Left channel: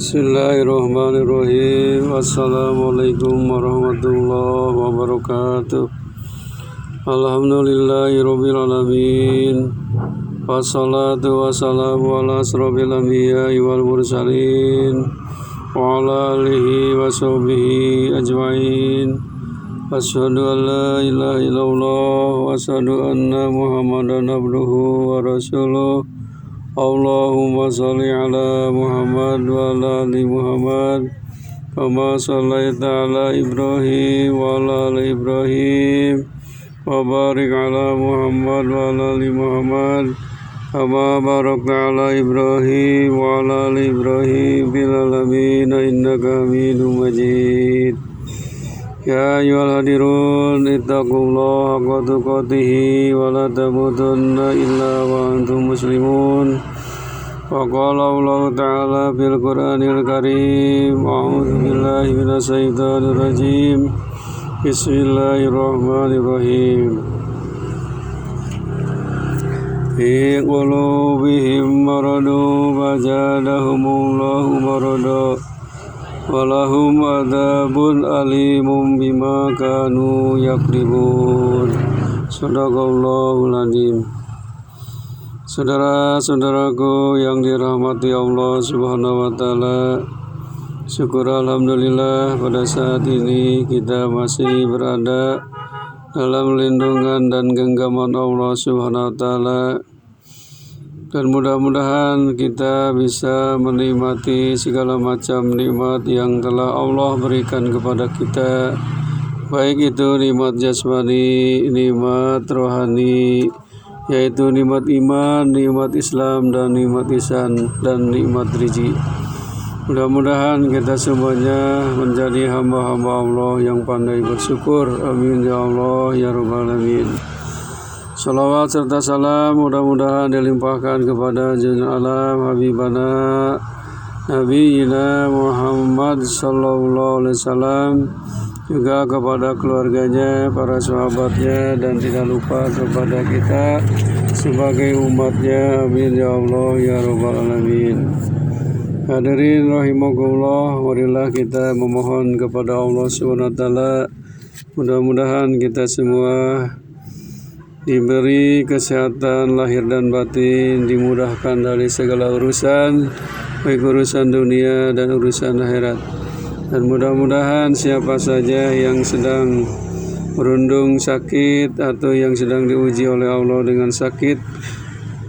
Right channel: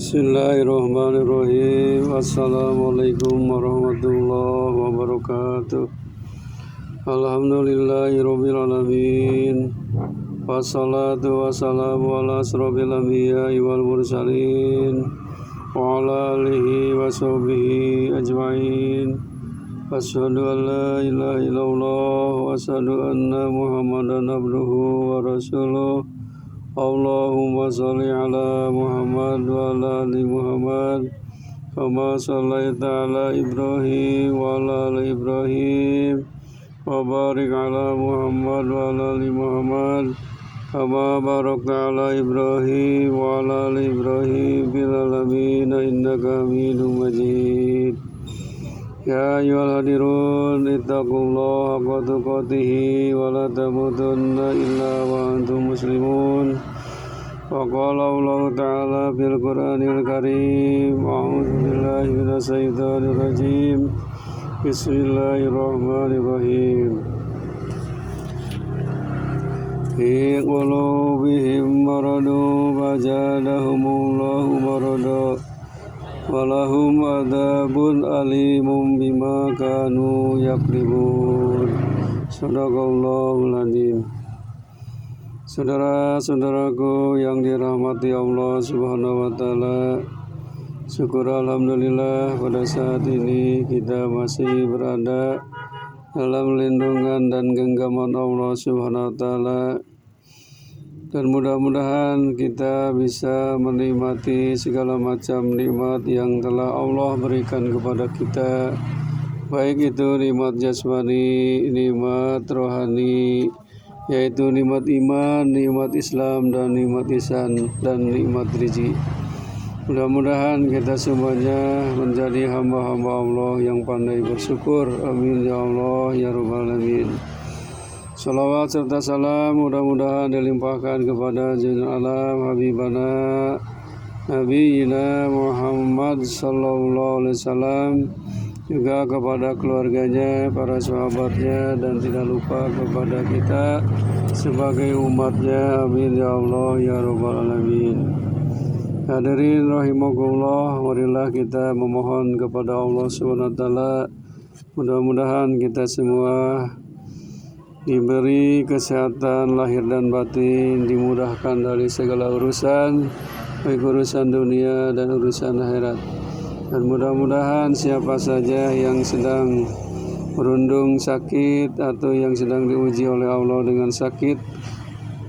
Bismillahirrahmanirrahim. Assalamualaikum warahmatullahi wabarakatuh. Alhamdulillahirabbil alamin. Wassalatu wassalamu ala asrofil anbiya'i wal mursalin wa ala alihi wa sahbihi ajma'in. Asyhadu an la ilaha illallah wa asyhadu anna Muhammadan abduhu wa rasuluh. Allahumma sholli ala Muhammad wa ala ali Muhammad kama shallaita ala Ibrahim wa ala ali Ibrahim wa barik ala Muhammad wa ala ali Muhammad kama barakta ala Ibrahim wa ala ali Ibrahim fil alamin innaka Hamidum Majid. Ya ayyuhal hadirun ittaqullaha haqqa tuqatih wa la tamutunna illa wa antum muslimun. Wa qala Allah ta'ala fil Qur'anil Karim. A'udzu billahi minasy syaithanir rajim. Bismillahirrahmanirrahim. Fi qulubihim maradun fazadahumullahu marada. Walahum adzabun alimun bima kanu yakribun. Shadaqallahul adzim. Saudara-saudaraku yang dirahmati Allah Subhanahu wa taala, syukur alhamdulillah pada saat ini kita masih berada dalam lindungan dan genggaman Allah Subhanahu wa taala. Dan mudah-mudahan kita bisa menikmati segala macam nikmat yang telah Allah berikan kepada kita, baik itu nikmat jasmani, nikmat rohani, yaitu nikmat iman, nikmat Islam, dan nikmat ihsan, dan nikmat rezeki. Mudah-mudahan kita semuanya menjadi hamba-hamba Allah yang pandai bersyukur. Amin ya Allah ya rabbal alamin. Salawat serta salam mudah-mudahan dilimpahkan kepada Junjungan Alam Habibana Nabiyina Muhammad sallallahu alaihi wasallam, juga kepada keluarganya, para sahabatnya, dan tidak lupa kepada kita sebagai umatnya. Amin ya Allah ya rabbal alamin. Hadirin rahimakumullah, marilah kita memohon kepada Allah Subhanahu wa taala, mudah-mudahan kita semua diberi kesehatan lahir dan batin, dimudahkan dari segala urusan, baik urusan dunia dan urusan akhirat. Dan mudah-mudahan siapa saja yang sedang merundung sakit atau yang sedang diuji oleh Allah dengan sakit,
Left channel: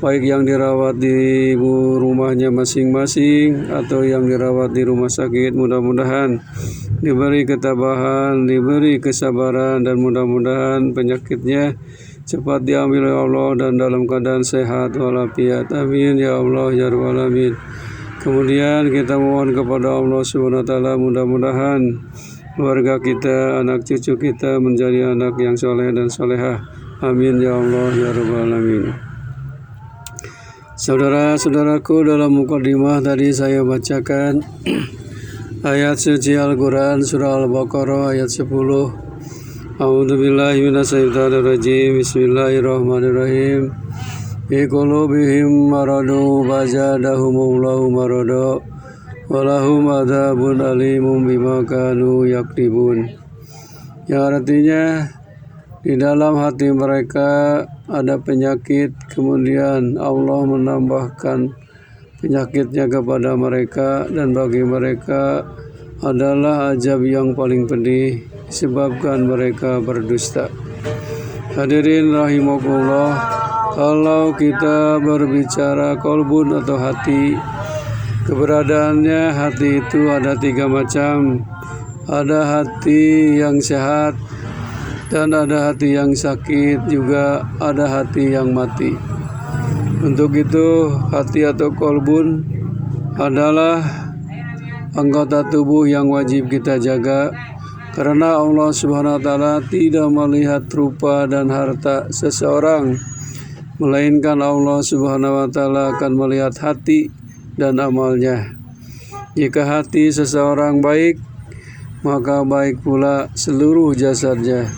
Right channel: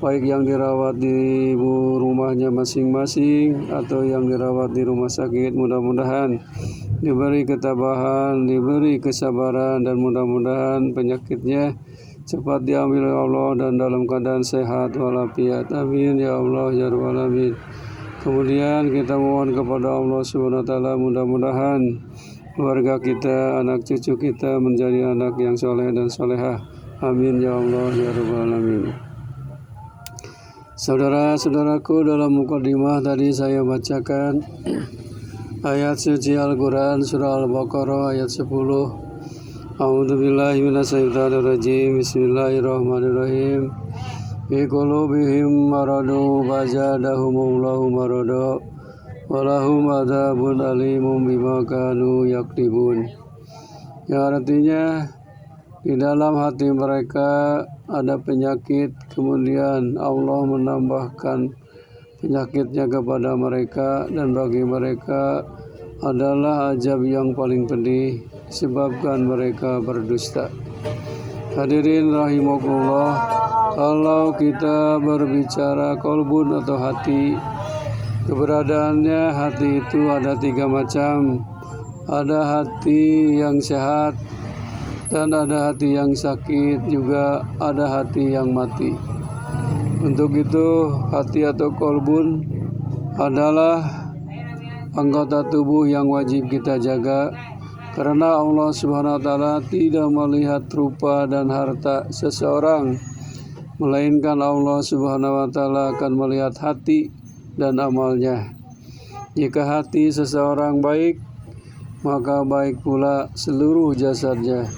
baik yang dirawat di rumahnya masing-masing atau yang dirawat di rumah sakit, mudah-mudahan diberi ketabahan, diberi kesabaran, dan mudah-mudahan penyakitnya cepat diambil oleh Allah dan dalam keadaan sehat walafiat. Amin ya Allah ya rabbal alamin. Kemudian kita mohon kepada Allah Subhanahu wa taala, mudah-mudahan keluarga kita, anak cucu kita menjadi anak yang soleh dan solehah. Amin ya Allah ya rabbal alamin. Saudara-saudaraku, dalam mukadimah tadi saya bacakan ayat suci Al-Quran surah Al-Baqarah ayat 10. A'udzubillahi minasyaitonirrajim. Bismillahirrahmanirrahim. Fi qulubihim maradu fazadahumullahu marada walahum adzabun alimun bima kanu yaktibun. Yang artinya di dalam hati mereka ada penyakit, kemudian Allah menambahkan penyakitnya kepada mereka, dan bagi mereka adalah azab yang paling pedih disebabkan mereka berdusta. Hadirin rahimakumullah, kalau kita berbicara kolbun atau hati, keberadaannya hati itu ada 3 macam. Ada hati yang sehat, dan ada hati yang sakit, juga ada hati yang mati. Untuk itu hati atau kolbun adalah anggota tubuh yang wajib kita jaga, karena Allah Subhanahu wa taala tidak melihat rupa dan harta seseorang, melainkan Allah Subhanahu wa taala akan melihat hati dan amalnya. Jika hati seseorang baik, maka baik pula seluruh jasadnya.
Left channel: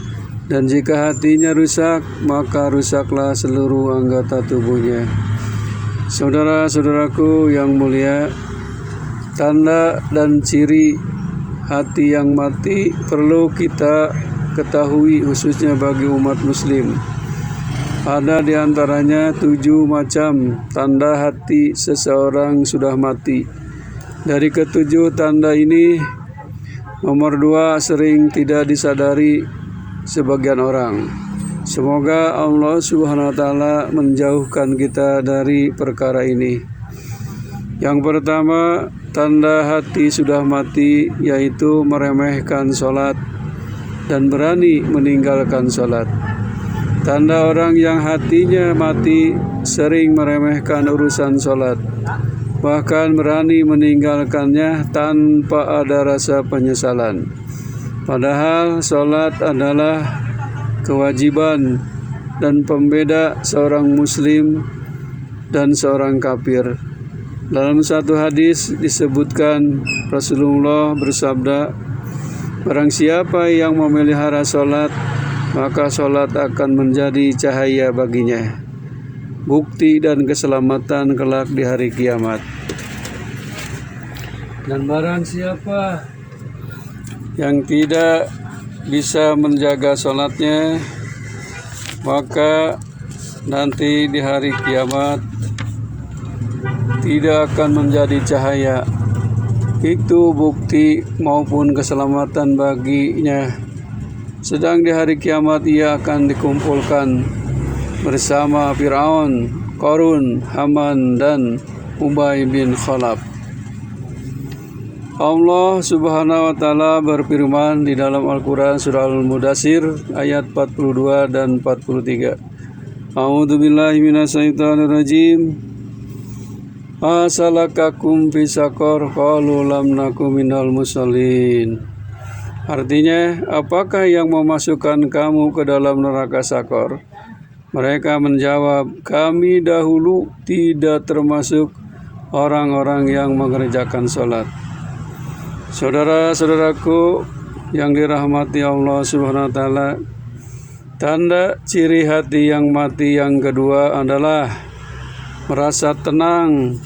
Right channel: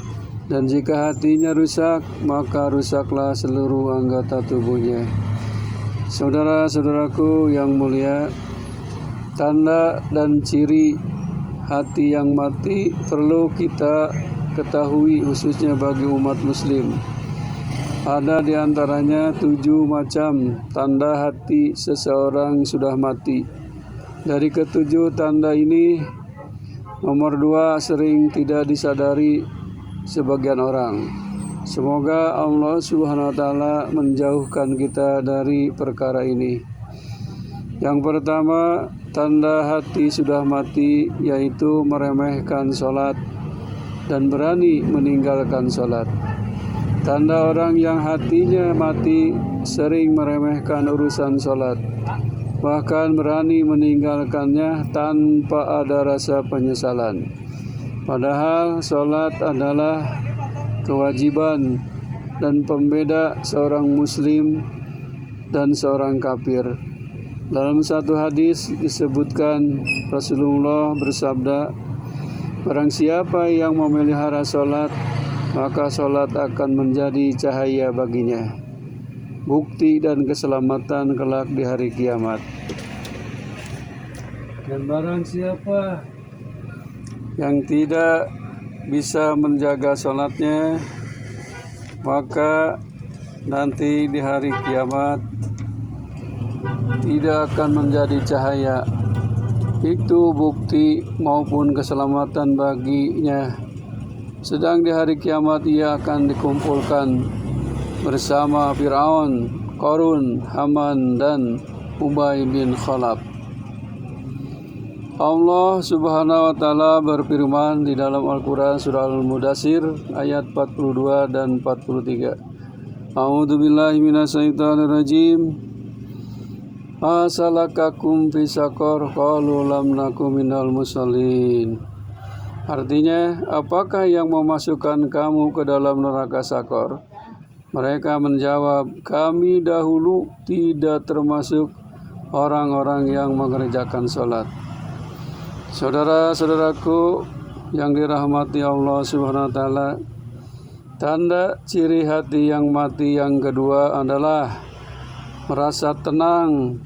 Dan jika hatinya rusak, maka rusaklah seluruh anggota tubuhnya. Saudara-saudaraku yang mulia, tanda dan ciri hati yang mati perlu kita ketahui, khususnya bagi umat muslim. Ada di antaranya 7 macam tanda hati seseorang sudah mati. Dari ke-7 tanda ini, nomor 2 sering tidak disadari sebagian orang. Semoga Allah Subhanahu wa taala menjauhkan kita dari perkara ini. Yang pertama, tanda hati sudah mati yaitu meremehkan sholat dan berani meninggalkan sholat. Tanda orang yang hatinya mati sering meremehkan urusan sholat, bahkan berani meninggalkannya tanpa ada rasa penyesalan. Padahal sholat adalah kewajiban dan pembeda seorang muslim dan seorang kafir. Dalam satu hadis disebutkan Rasulullah bersabda, barang siapa yang memelihara sholat, maka sholat akan menjadi cahaya baginya, bukti dan keselamatan kelak di hari kiamat. Dan barang siapa yang tidak bisa menjaga sholatnya, maka nanti di hari kiamat tidak akan menjadi cahaya. Itu bukti maupun keselamatan baginya. Sedang di hari kiamat ia akan dikumpulkan bersama Fir'aun, Qarun, Haman, dan Ubay bin Khalaf. Allah Subhanahu wa taala berfirman di dalam Al-Qur'an surah Al-Mudaththir ayat 42 dan 43. A'udzu billahi minasyaitonir rajim. Asalakakum fi saqar qalu lam nakum minal musallin. Artinya, apakah yang memasukkan kamu ke dalam neraka Sakor? Mereka menjawab, kami dahulu tidak termasuk orang-orang yang mengerjakan sholat. Saudara-saudaraku yang dirahmati Allah Subhanahu wa taala, tanda ciri hati yang mati yang kedua adalah merasa tenang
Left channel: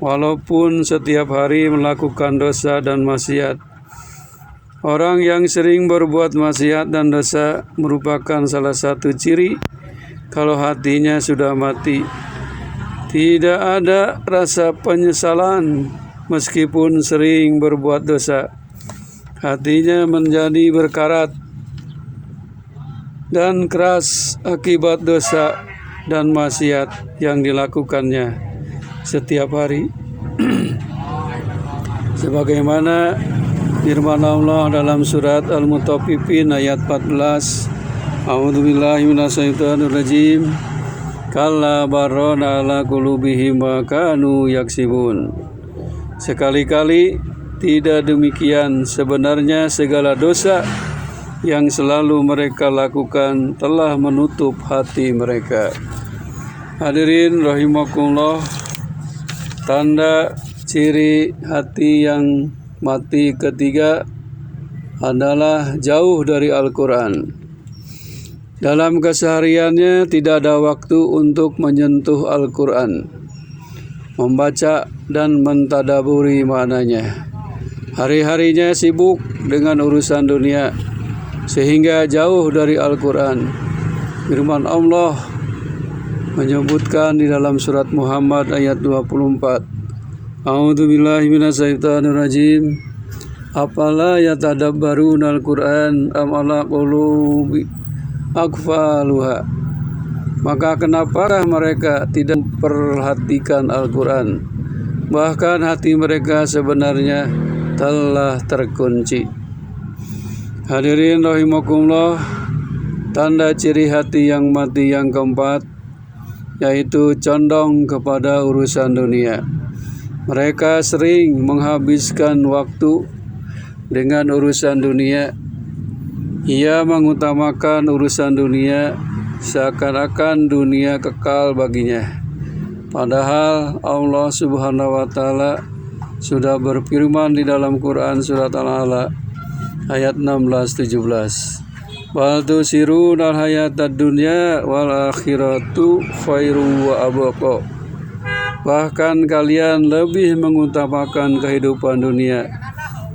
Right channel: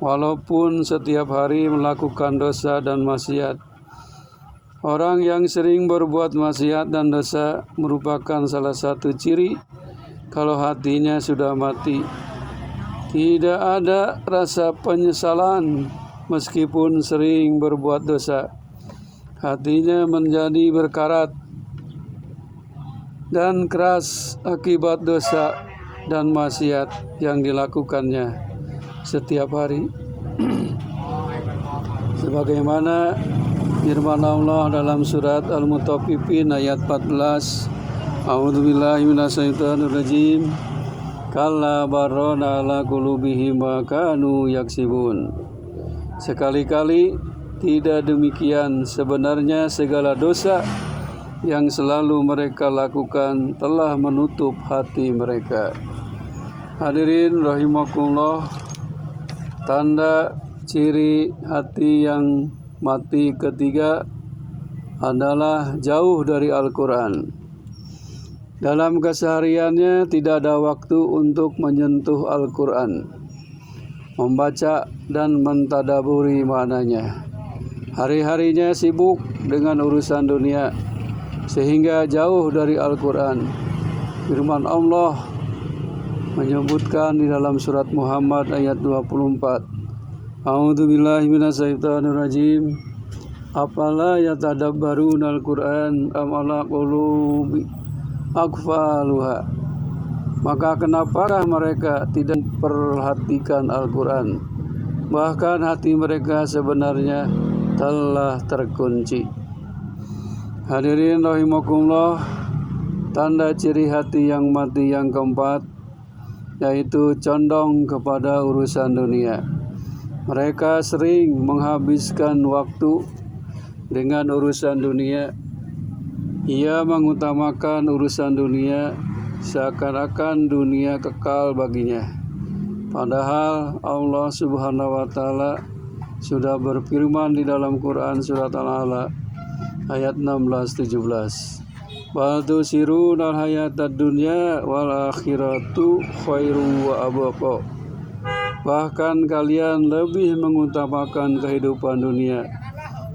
walaupun setiap hari melakukan dosa dan maksiat. Orang yang sering berbuat maksiat dan dosa merupakan salah satu ciri kalau hatinya sudah mati. Tidak ada rasa penyesalan meskipun sering berbuat dosa. Hatinya menjadi berkarat dan keras akibat dosa dan maksiat yang dilakukannya setiap hari. Sebagaimana firman Allah dalam surat Al-Mutaffifin ayat 14, A'udzubillahi minasyaitonir rajim. Kalla barrana ala qulubihim ma kanu yaksibun. Sekali-kali tidak demikian, sebenarnya segala dosa yang selalu mereka lakukan telah menutup hati mereka. Hadirin rahimakumullah, tanda ciri hati yang mati ketiga adalah jauh dari Al-Quran. Dalam kesehariannya tidak ada waktu untuk menyentuh Al-Quran, membaca dan mentadaburi maknanya. Hari-harinya sibuk dengan urusan dunia sehingga jauh dari Al-Quran. Firman Allah menyebutkan di dalam surat Muhammad ayat 24, A'udzubillahi minasyaitonir rajim. Afala yatadabbaruna al-Qur'an am ala qulubi akfaluha. Maka kenapakah mereka tidak memperhatikan Al-Quran? Bahkan hati mereka sebenarnya telah terkunci. Hadirin rahimakumullah, tanda ciri hati yang mati yang keempat yaitu condong kepada urusan dunia. Mereka sering menghabiskan waktu dengan urusan dunia. Ia mengutamakan urusan dunia seakan-akan dunia kekal baginya. Padahal Allah Subhanahu wa taala sudah berfirman di dalam Quran surat Al-A'la ayat 16-17. Bal tusirunal hayatad dunya wal akhiratu khairu wa abqa. Bahkan kalian lebih mengutamakan kehidupan dunia,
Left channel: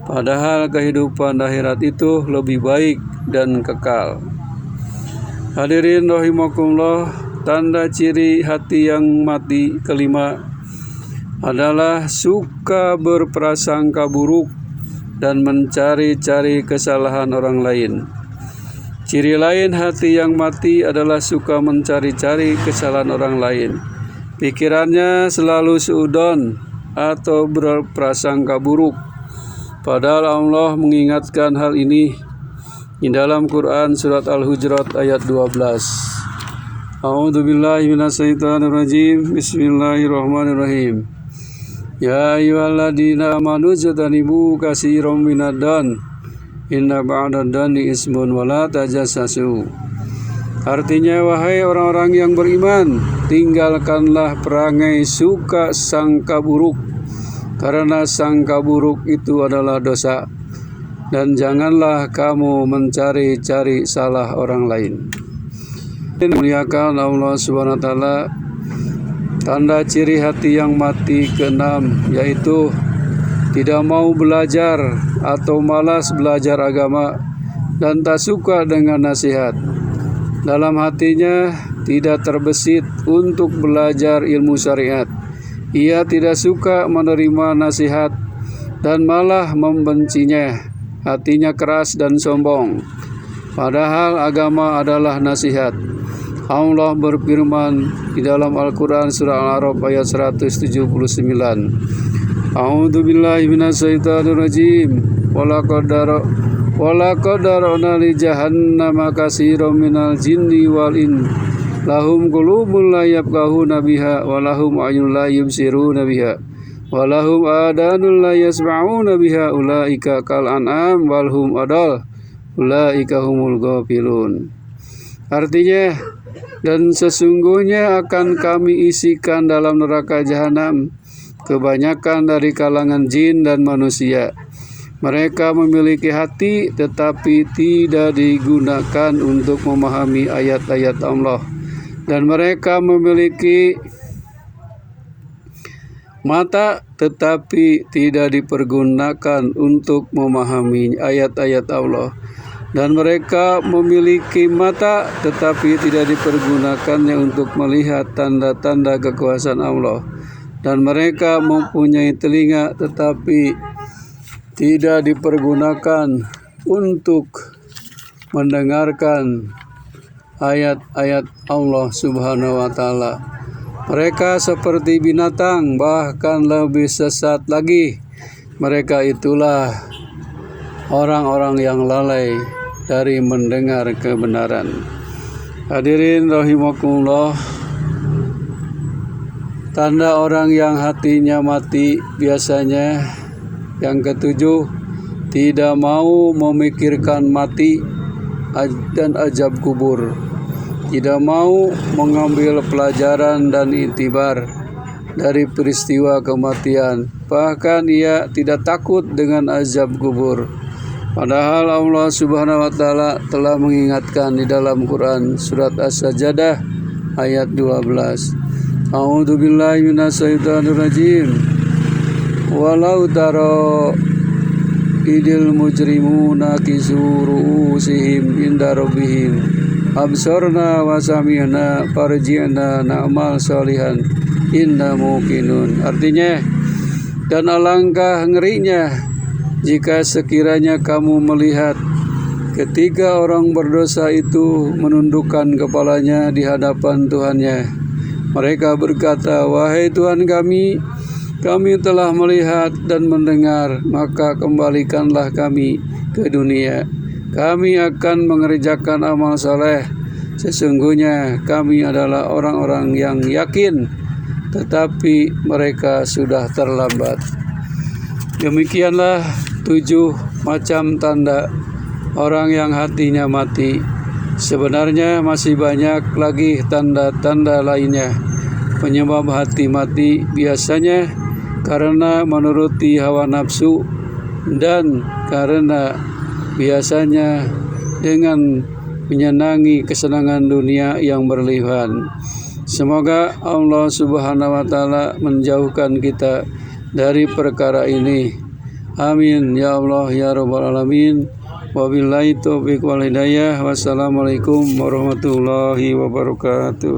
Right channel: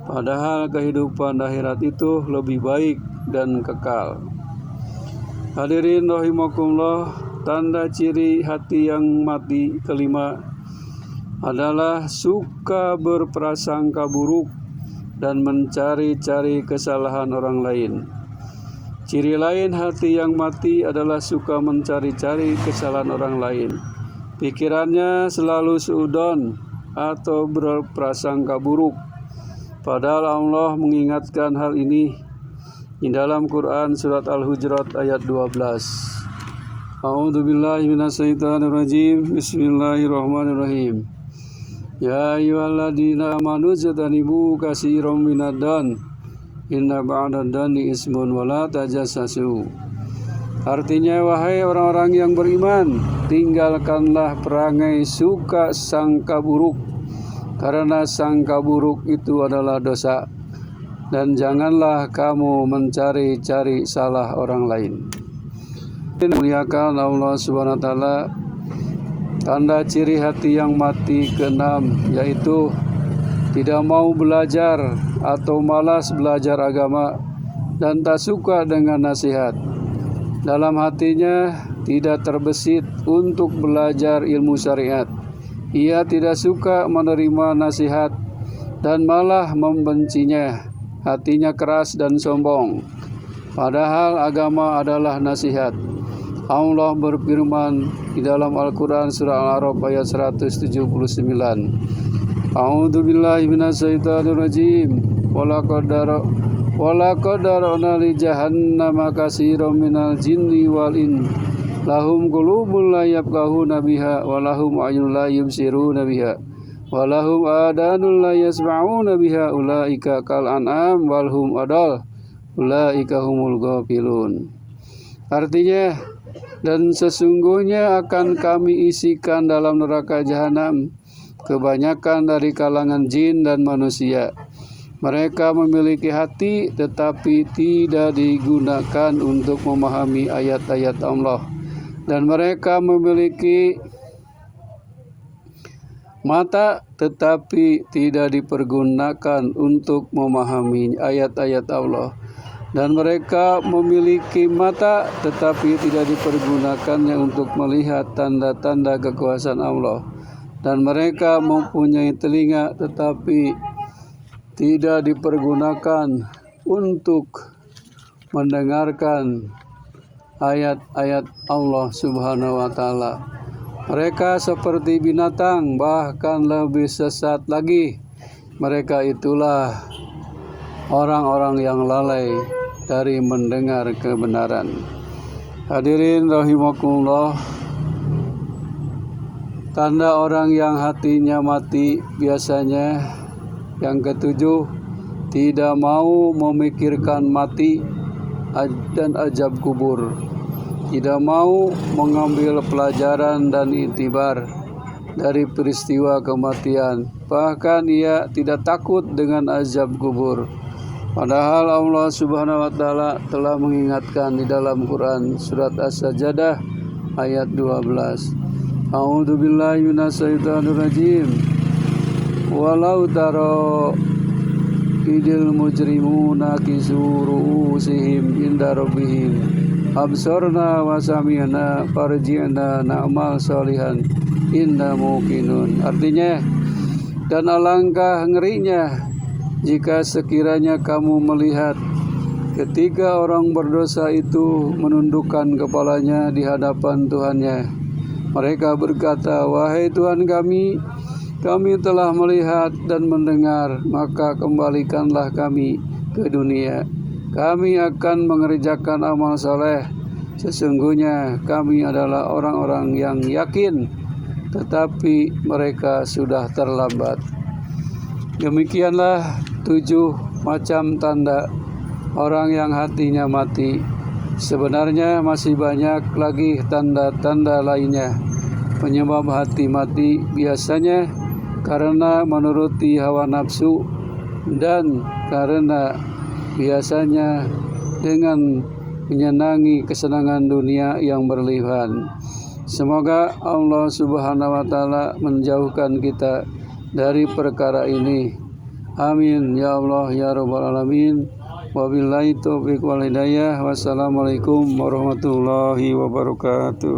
padahal kehidupan akhirat itu lebih baik dan kekal. Hadirin rahimakumullah, tanda ciri hati yang mati kelima adalah suka berprasangka buruk dan mencari-cari kesalahan orang lain. Ciri lain hati yang mati adalah suka mencari-cari kesalahan orang lain. Pikirannya selalu seudon atau berprasangka buruk. Padahal Allah mengingatkan hal ini di dalam Quran surat Al-Hujurat ayat 12. A'udzubillahi minasyaitonirrajim. Bismillahirrahmanirrahim. Ya ayyuhalladzina amanu jtanibu katsiran minadh-dhann inna ba'dad-dhanni ismun wa la tajassasu. Artinya, wahai orang-orang yang beriman, tinggalkanlah perangai suka sangka buruk, karena sangka buruk itu adalah dosa, dan janganlah kamu mencari-cari salah orang lain. Muliakan Allah Subhanahu wa taala. Tanda ciri hati yang mati keenam yaitu tidak mau belajar atau malas belajar agama dan tak suka dengan nasihat. Dalam hatinya tidak terbesit untuk belajar ilmu syariat. Ia tidak suka menerima nasihat dan malah membencinya. Hatinya keras dan sombong. Padahal agama adalah nasihat. Allah berfirman di dalam Al-Quran surah Al-A'raf ayat 179. A'udzubillahi minasyaitonirrajim. Walaqad dara'na li jahannama katsiran minal jinni wal in lahum qulubun la yafqahuna biha wa lahum a'yunun la yubsiruna biha wa lahum adanun la yasma'una biha ulaika kal an'am wal hum adall ulaika humul ghafilun. Artinya, dan sesungguhnya akan kami isikan dalam neraka jahanam kebanyakan dari kalangan jin dan manusia. Mereka memiliki hati tetapi tidak digunakan untuk memahami ayat-ayat Allah. Dan mereka memiliki mata tetapi tidak dipergunakan untuk memahami ayat-ayat Allah. Dan mereka memiliki mata tetapi tidak dipergunakannya untuk melihat tanda-tanda kekuasaan Allah. Dan mereka mempunyai telinga tetapi tidak dipergunakan untuk mendengarkan ayat-ayat Allah Subhanahu wa taala. Mereka seperti binatang, bahkan lebih sesat lagi. Mereka itulah orang-orang yang lalai dari mendengar kebenaran. Hadirin rahimakumullah, tanda orang yang hatinya mati biasanya yang ketujuh, tidak mau memikirkan mati dan azab kubur. Tidak mau mengambil pelajaran dan iktibar dari peristiwa kematian. Bahkan ia tidak takut dengan azab kubur. Padahal Allah Subhanahu wa taala telah mengingatkan di dalam Quran surat As-Sajdah ayat 12. A'udzubillahi minasyaitonirrajim. Walau taro idil mujrimuna kisuru'usihim inda rabbihim absorna wa sami'na farji'na na'mal solihan inna muqinun. Artinya, dan alangkah ngerinya jika sekiranya kamu melihat ketika orang berdosa itu menundukkan kepalanya di hadapan Tuhannya. Mereka berkata, wahai Tuhan kami telah melihat dan mendengar, maka kembalikanlah kami ke dunia. Kami akan mengerjakan amal soleh. Sesungguhnya kami adalah orang-orang yang yakin, tetapi mereka sudah terlambat. Demikianlah 7 macam tanda orang yang hatinya mati. Sebenarnya masih banyak lagi tanda-tanda lainnya. Penyebab hati mati biasanya karena menuruti hawa nafsu dan karena biasanya dengan menyenangi kesenangan dunia yang berlebihan. Semoga Allah Subhanahu wa Ta'ala menjauhkan kita dari perkara ini. Amin ya Allah ya Rabbal Alamin. Wabillahi taufiq wal hidayah. Wassalamualaikum warahmatullahi wabarakatuh.